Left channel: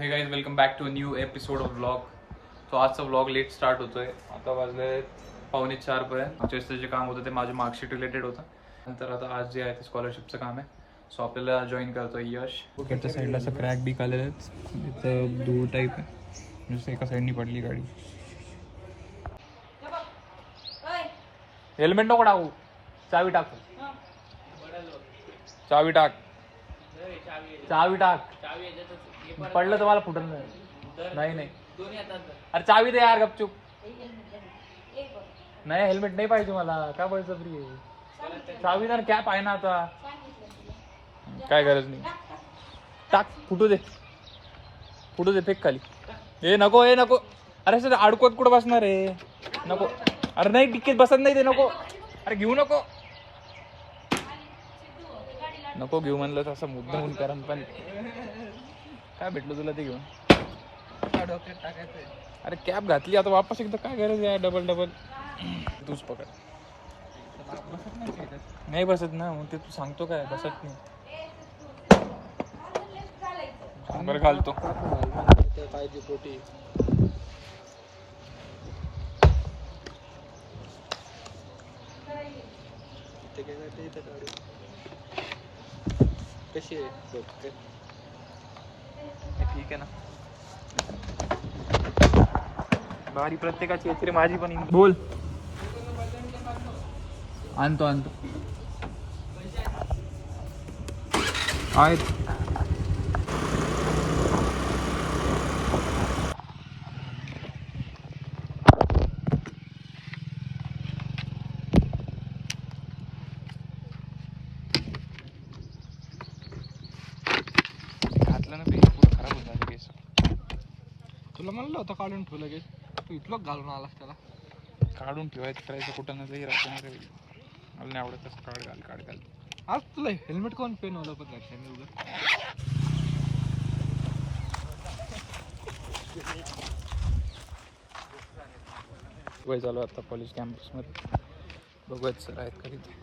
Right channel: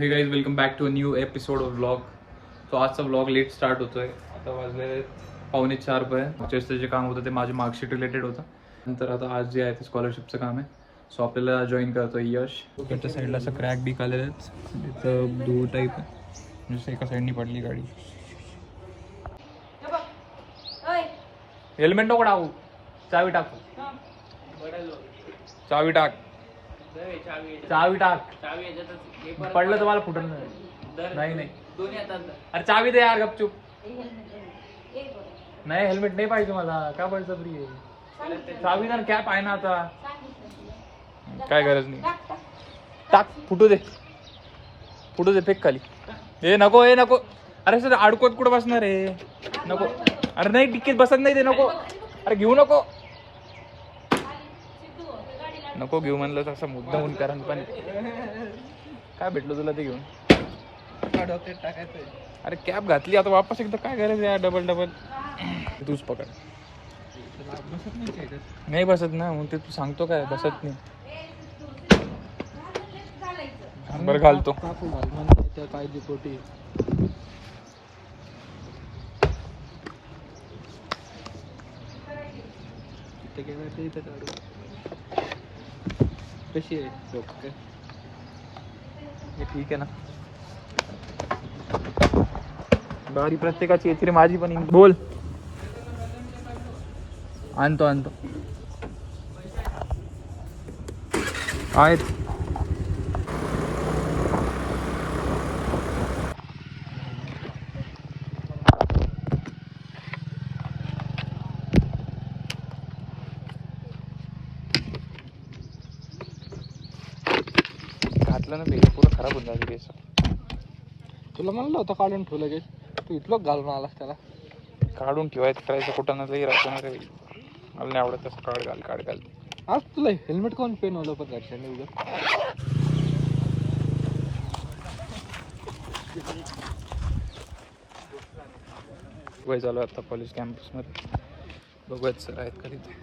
हे guys welcome back to a new episode of vlog. So आजचा vlog late start होतोय. आता वाजले 3:45 पर्यंत. जे काम होतं ते माझं मार्कशीट रिलेटेड होतं. नंतर आता आज जे आहे ते स्कॉलरशिपचं काम आहे. सो आपल्याला जॉईन करतोय यश. त्याच्या साईडला असं क्रॅक बी आलेलं आहे. इथं दूर टाईप आहे. जसं एका साईडनी पडली गाडी. हेल्मेट नको टाकू. चावी टाक. चावी टाक. चावी टाक. पडलं तर मला फुटल नाही. अरे चावी दे यार गपचूप. नाही हेल्मेट नाही पाहिजे मला. का बळजबरी आहे. चावी ना कॅप आहे ना आता. काय गरज नाही. टाक. फुटू दे फेक खाली. ए नको. अरे सर अडकवत कुठं बसणार आहे. नको. अरे नाही टिकीत बसत नाही ते. नको. अरे घेऊ नको घेऊ म्हणलं तर असं मुद्दा होऊन कारण पण काय भेटलं तुला ते घेऊन. अरे कॅब घातली आता वापस एकदा काय गरज आहे डबल तूच पकड. नाही बसत ना मग ते तू सांगतो काय बसत नाही. बरं घालतो. पाहिजे पोटी कशी आहे हे ठीक आहे ना. गाडी प्रत्येकाची येते माझी पण बोल. आणतो आहेत. घातलं ना बेस पुरं खराब होत आहे बेस. तुला म्हणलं होतं काढून ठेवलं लगेच. तू इथलं घालून आलास त्याला. काढून ठेवायचं करायचं कुठं नसही राहतं ना रे. मला नाही आवडत तसं काढ घाल. आज तुला हेल्मेट कोण पेन होतं पण घरच्यांनी उद्या. वय चालू आता कॉलेज कॅम्पसमध्ये. बघूयात सर आहेत का तिथे.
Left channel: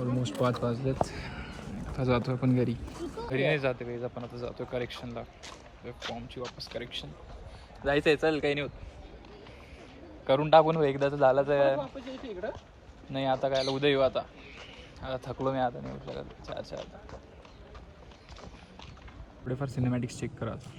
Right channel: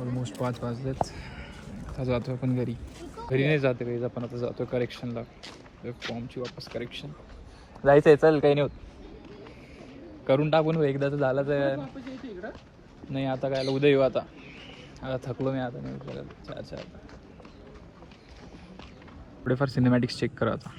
ऑलमोस्ट 5 वाजलेत. आता जातो आपण घरी नाही जाते काही. आपण आता जातो करेक्शनला. फॉर्मची वापस करेक्शन जायचं आहे. चल काही नाही होत. करून टाकून एकदा तर झालं तर नाही. आता काय उद्या येऊ. आता थकलो मी. आता नाही करायला. आता थोडेफार सिनेमॅटिक्स चेक करा आता.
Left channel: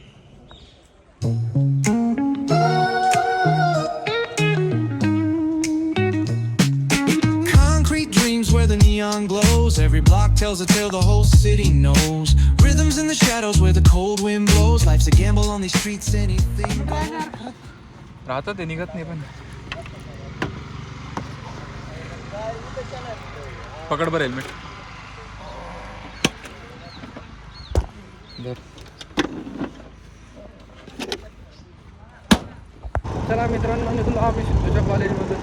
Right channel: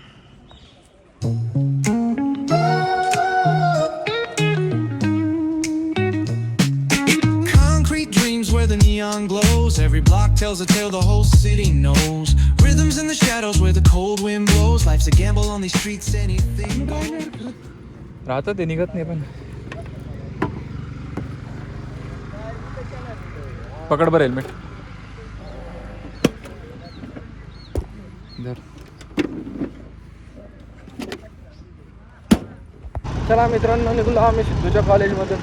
Where the neon glows, every block tells a tale the whole city knows. Rhythms in the shadows where the cold wind blows. Life's a gamble on these streets, anything goes. राहतं ते निघत नाही पण. पकड बरं helmet. चला मित्रांनो निघलो आम्ही सिद्धूच्या कॉलेजमधून.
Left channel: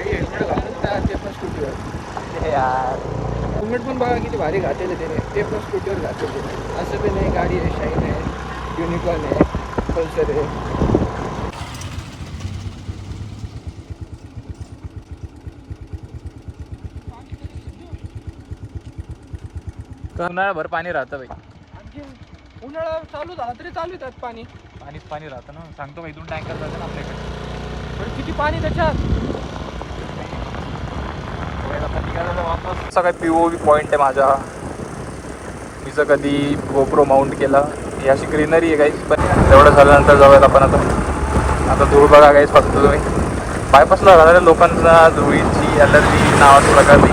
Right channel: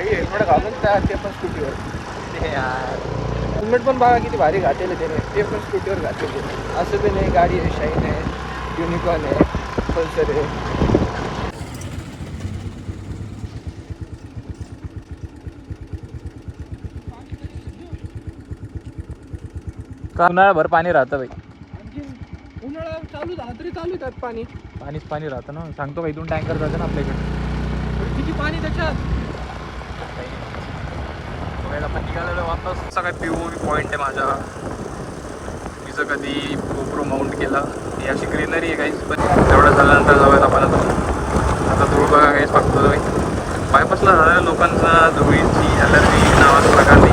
हेल्मेट घालून त्या ते पण स्कूटीवर. हेल्मेट पण बघा किती भारी घातलेले त्याने. ते पण स्कूटीवर घातलेले. असं बी नाही. गाडी आहे, शाईन आहे, युनिकॉर्न आहे, पल्सर आहे. उन्हाळ्याभर पाणी राहतं बाई. उन्हाळा चालू झाला तरी चालू त्यात पाणी राहतं ना. सांगतो का इथून टँकर जातं ना आपल्याकडे. किती पाणी त्याच्यात. आपण निघालेलो वापस. सगळ्यात POV पॉईंट आहे माझा. मी जर कधी गोप्रो माउंट केला. ही अशी ग्रीनरी आहे काहीच. पण तेवढं झाल्यानंतर जाऊयात आपण आता धूळ बघा काहीच. फक्त तुम्ही बायपासला राहणाऱ्या लोकांना धुळीची ॲलर्जी नावाचा प्रकार नाही.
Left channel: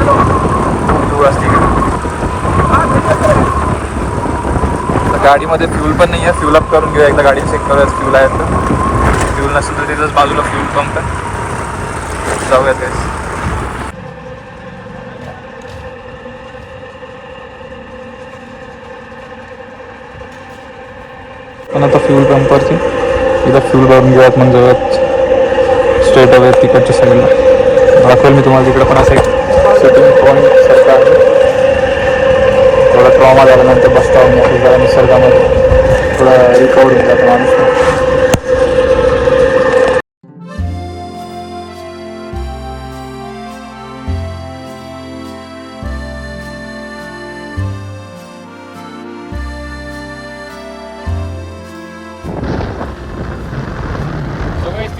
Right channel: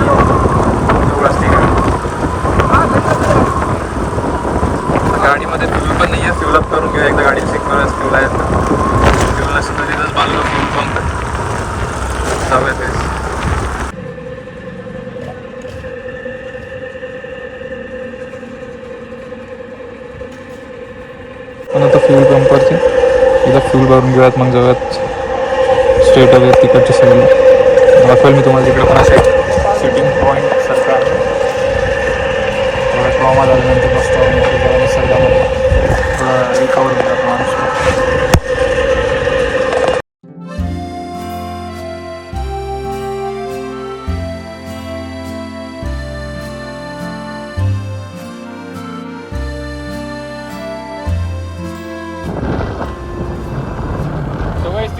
खूप धूळ असते का. गाडीमध्ये फ्यूल पण नाही आहे. फ्यूल अप करून घेऊया एकदा. गाडी चेक करूया फ्यूल आहेत का. फ्यूल नसेल तर तिथंच बाजूला फ्यूल पंप आहे. जाऊयात काहीच. पण आता फ्यूल पंपवरती इथं फ्यूल भरून घेऊयात. म्हणजे स्ट्रेट अवे तिकडच्या साईडला दाखवेल मी तुम्हाला. तिकडे पण असं एक सिटिंग पॉईंट सरकार थोडा ट्रॉमा झाल्यानंतर बसता जरा निसर्गामध्ये थोडं रिकवर होऊन जातं माणूस.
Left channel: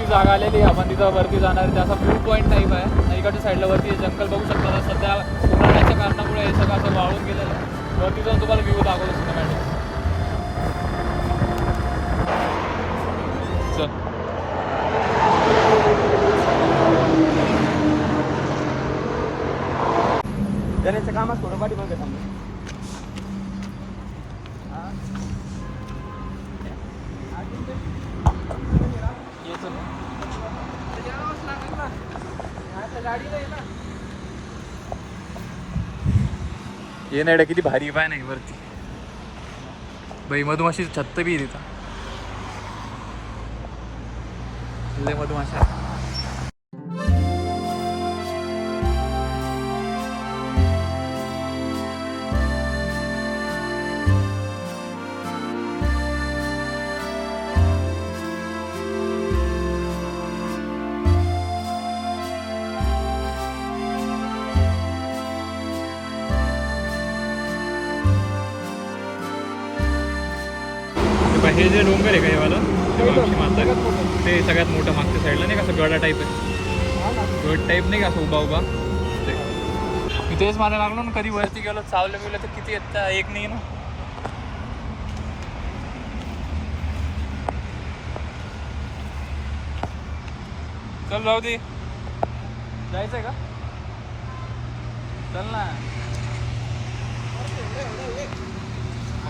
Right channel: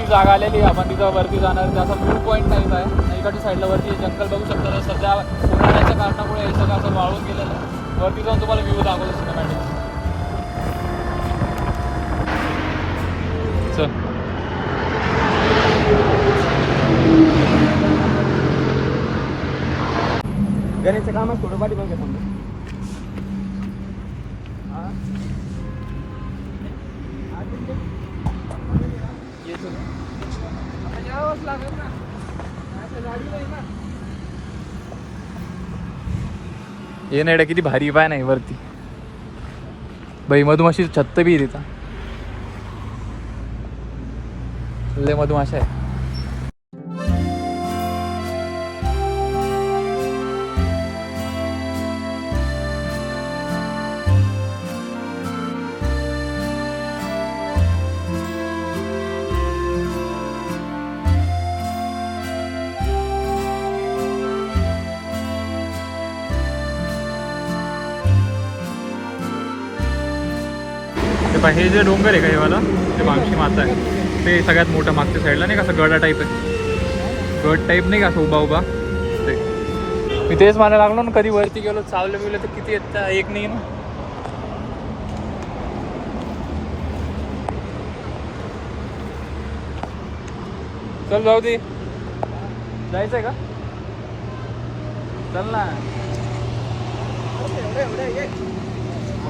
जागा आलेली आहे, आपण तिथं वरती जाणार. त्याचा व्यू पॉईंट नाही आहे इकडच्या साईडला. वरती जंगल बघू शकता. तर सध्या उन्हाळ्याच्या कारणामुळे हे सगळं असं वाळून गेलेलं आहे. वरती जाऊन तुम्हाला व्ह्यू दाखवतो सिनेमॅटिक्स. त्याचं कामात थोडं पाठी बघा. हे नाही किती भारी पाय नाही वरती. बाई मधुमाशी छत्त बी तिथं. लय मधुमाशा आहे. हे जे डोंगर आहे का हे वाला ते मागची माता आहे. ते सगळ्यात मोठं मागच्या साईडला नाही का असं गडा टाईप आहे. गड टाईप नाही का असं उभा उभा ते. मी तेच म्हणायला लागलो ना कधी वरती गेलो चाललं गेलो तर किती येत एक नाही ना. चल जाऊ दे. जायचंय का? चल ना.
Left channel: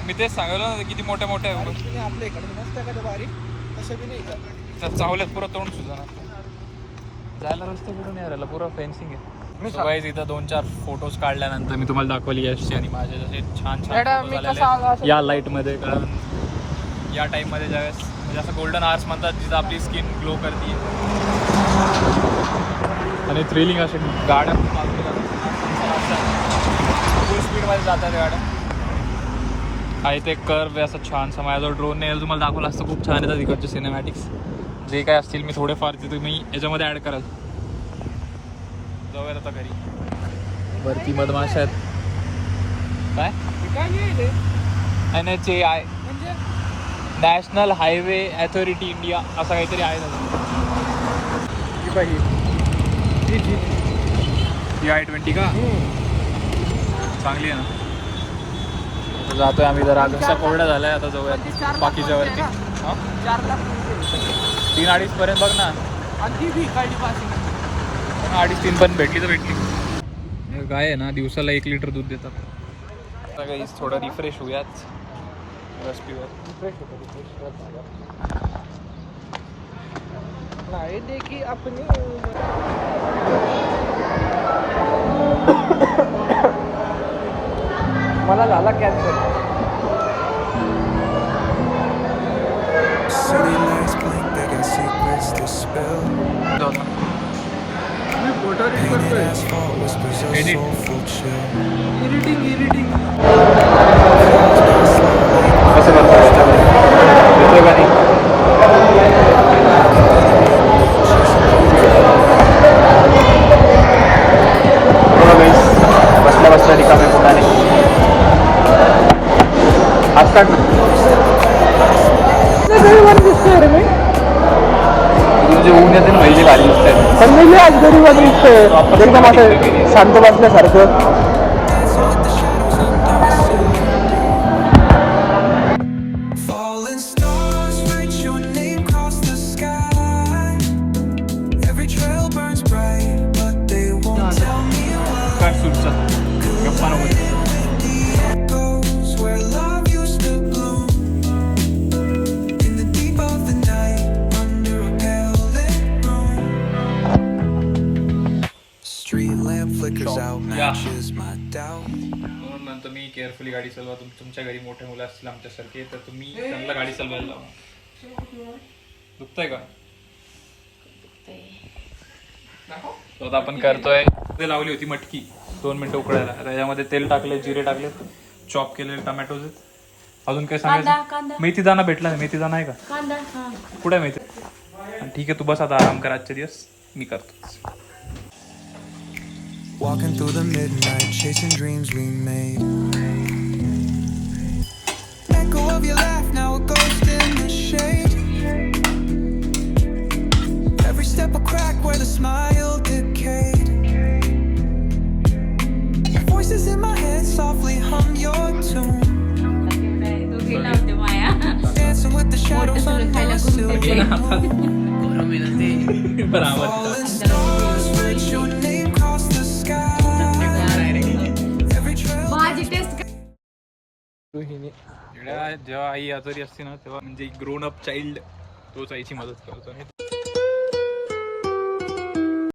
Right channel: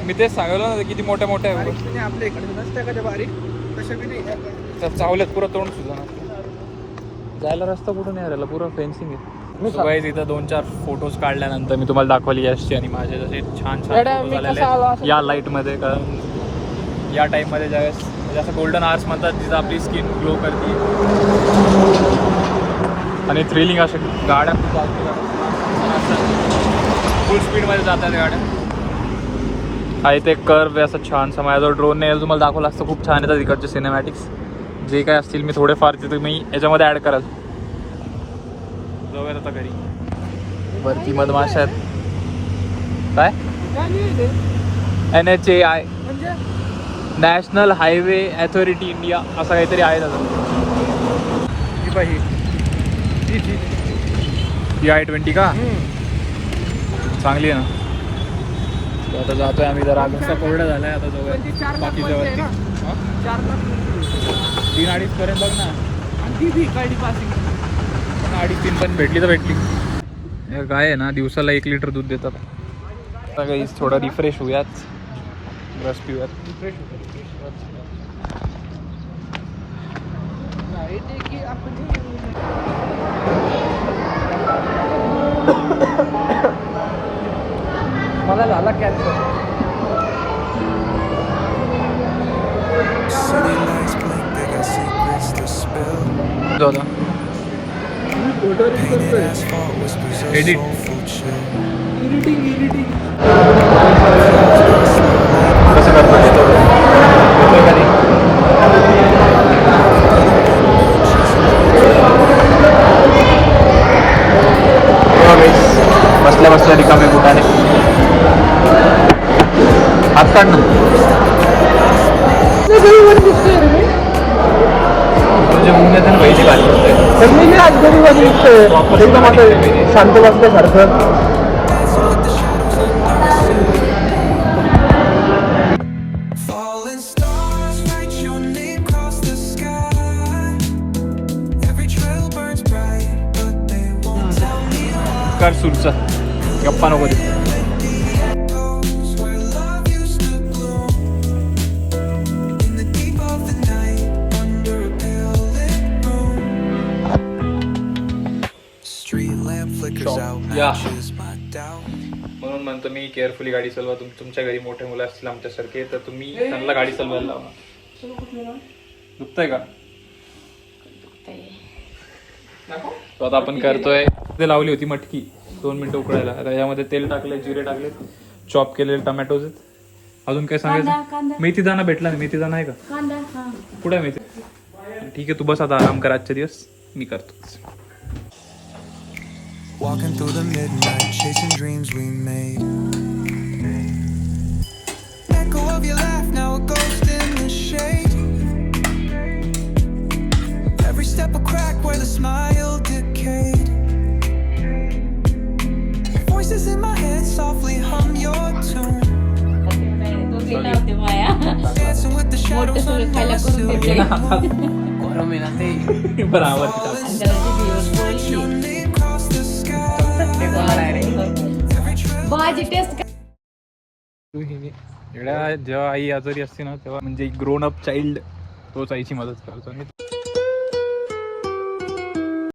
मी तेच सांगितलं ना किती मोठ्या मोठ्या आहे. आपल्या इकडे रस्त्या का बारीक तशा बी नाही. तर चावल्यात पुरा तोंड सुद्धा जायला रस्ता कुठं नाही राहिला. पुरा फेन्सिंग आहे. तिथं 2-4 फोटोज काढल्यानंतर मी तुम्हाला दाखवली यशची आणि माझे जसे छान छान फोटो झालेले आहेत या लाईटमध्ये. कारण या टाईममध्ये ज्यावेळेस जसं गोल्डन आर्स म्हणतात तिथं आपली स्किन ग्लो करते. आणि थ्रिलिंग असे गाड्या खूप फुल स्पीडमध्ये जातात गाड्या. आहे ते कर्व असं छानसा. माझ्याजवळ ड्रोन नाही तुम्हाला दाखवलं असतं. खूप छान येतात इकडचे सिनेमॅटिक्स जे काय असतील. मी थोडेफार ते तुम्ही याच्यामध्ये ॲड कराल. जाऊया आता घरी. वरती मधमाशा आहेत. काय NHAI national highway authority India असं काहीतरी आहे ना. ही I-20 का चांगली आहे ना. आता जातोय आम्ही. जरा रस्ता कोरडा झालाय. आता जाऊया बाकीच्या वरती. 4 लाख 3-2.5 पर्यंत बघ ना. आणि ती भी कळली पासिंग. मग 2.5-3 पण भेटली तर भेटली. गाय आहे ना दिवसाला 1 लिटर दूध देतात. आता काही थोडं रिफ्रेश होऊयात. रस पिऊयात. रिफ्रेश होतं. नाही ते की आपण City lights blink, they got secrets to spill. Painted asphalt whispers a Edit. soulful chill. Editing कसं करतो येतोय का नाही. बसल्या बसल्या रिकामे दुकाने असतात. म्हणजे ऊन येतं वेळी गाडी शांत सारखं. Falling stars write your name across the sky. Every trail burns bright, but they won't tell me why. कर सुरचा गप्पा नको दे. The echoes where love used to bloom in the deep of the night under a pale lit room. Street lamp flickers out, matches my doubt. म्हणून म्हणतो मी carefully गाडी चालवा. तुमच्या घरी मोठे मुलं असतील आमच्यासारखे तर तुम्ही त्यांना गाडी चालवायला लावा. दुखतंय का? तो आता आपण करतोय. ते लावली होती मटकी 2 मिनिटं उकळायला. आता यामध्ये तेल टाकलं, जिरे टाकले, चॉप केलेले टमॅटोज आहेत. अजून काय सांगायचं? मेथी दाणा भेटला नाही. मेथी दाणा आहे का? कुठे मेथी? ठीक आहे तू बस आता आराम कर आजचे दिवस. मी करतोच. Walking through the midnight, chasing dreams we made. Echo of your laugh, now a ghost in the shade. let's softly hum your tune. Dancing with the shadows under a silver moon. गरम आहे ना ते. Falling stars, write your name across the sky. Every trail भाजी taste जेव्हा आई आजारी असते ना तेव्हा म्हणजे ग्रोन अप चाइल्ड तोच आईची मदत करतो आणि